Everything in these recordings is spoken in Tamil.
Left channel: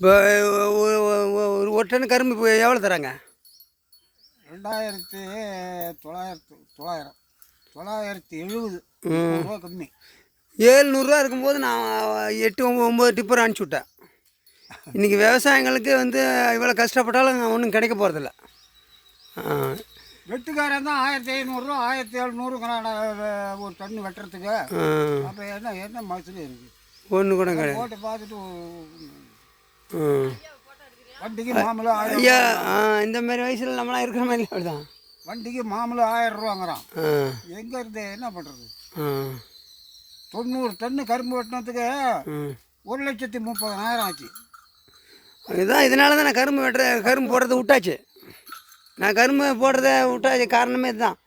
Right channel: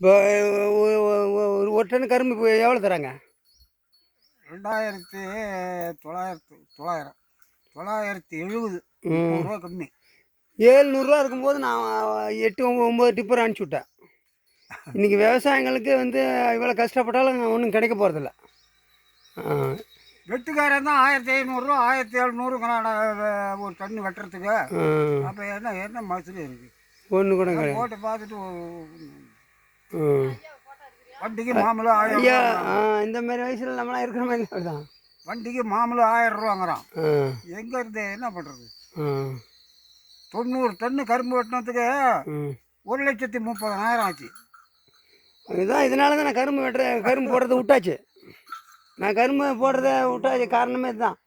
இப்போ ஒரு டன் கரும்பு இப்போ எவ்வளோ தராங்க? 2900 970 ரூபா கம்மி. 700 இருக்கும்போது நான் 8 9 டிப்பர் அனுப்பிச்சி விட்டேன். இன்றைக்கி விவசாயிங்களுக்கு வந்து இவ்வளோ கஷ்டப்பட்டாலும் ஒன்றும் கிடைக்க போகிறதில்ல. வெட்டுக்காரன் தான் 1500 1700 ஒரு டன்னு வெட்டுறதுக்கு. அப்போ என்ன மசூல் இருக்குது? ஒன்று கூட கிடையாது. போட்டு பார்த்துட்டு வண்டிக்கு மாமூலம் 1000 ஐயா, இந்த மாதிரி வயசில் நம்மளாம் இருக்கிற மாதிரி அப்படிதான். வண்டிக்கு மாமூலம் 1000 ரூபாங்கிறான். எங்கே இருந்து என்ன பண்ணுறது? 90 டன்னு கரும்பு வெட்டினதுக்கு 1,30,000 ஆச்சு. அதுதான் இதனால தான் நான் கரும்பு போடுறத விட்டாச்சு. நான் கரும்பு போடுறத விட்டாச்சு காரணமே இதுதான்.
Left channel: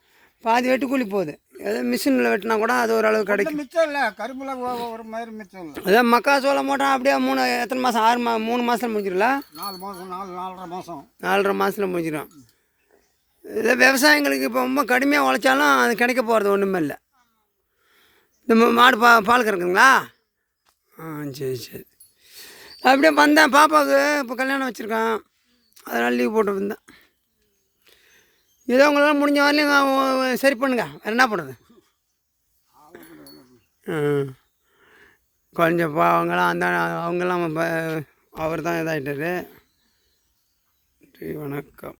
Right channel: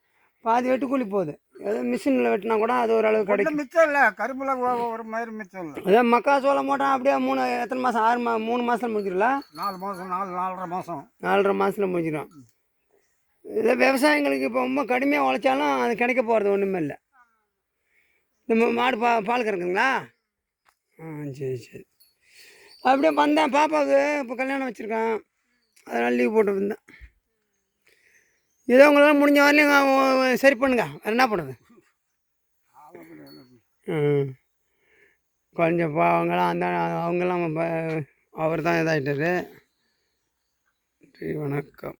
பாதி வெட்டுக்கூலி போகுது. ஏதோ மிஷினில் வெட்டினா கூட அது ஓரளவு கிடைக்கும். மிச்சம் இல்லை கரும்புல ஒரு மாதிரி மிச்சம் இல்லை. அதான் மக்காச்சோளம் போட்டால் அப்படியே எத்தனை மாதம் 3 மாதத்தில் முடிஞ்சிடல. 4 மாதம் 4.5 மாதம் 4.5 மாதத்தில் முடிஞ்சிடும். இதே விவசாயிங்களுக்கு இப்போ ரொம்ப கடுமையாக உழைச்சாலும் அது கிடைக்க போகிறது ஒன்றுமே இல்லை. இந்த மாடு பால் கறக்குங்களா? சரி சரி. அப்படியே வந்தேன். பாப்பாவுக்கு இப்போ கல்யாணம் வச்சுருக்கான், அதனால் லீவ் போட்டு வந்தேன். ஏதோ உங்களால் முடிஞ்ச வரலையும் சரி பண்ணுங்க, வேறு என்ன பண்ணுறது? கொஞ்சம் அவங்களாம் அவங்கெல்லாம் அவர் தான் இதாகிட்டார். வணக்கம்.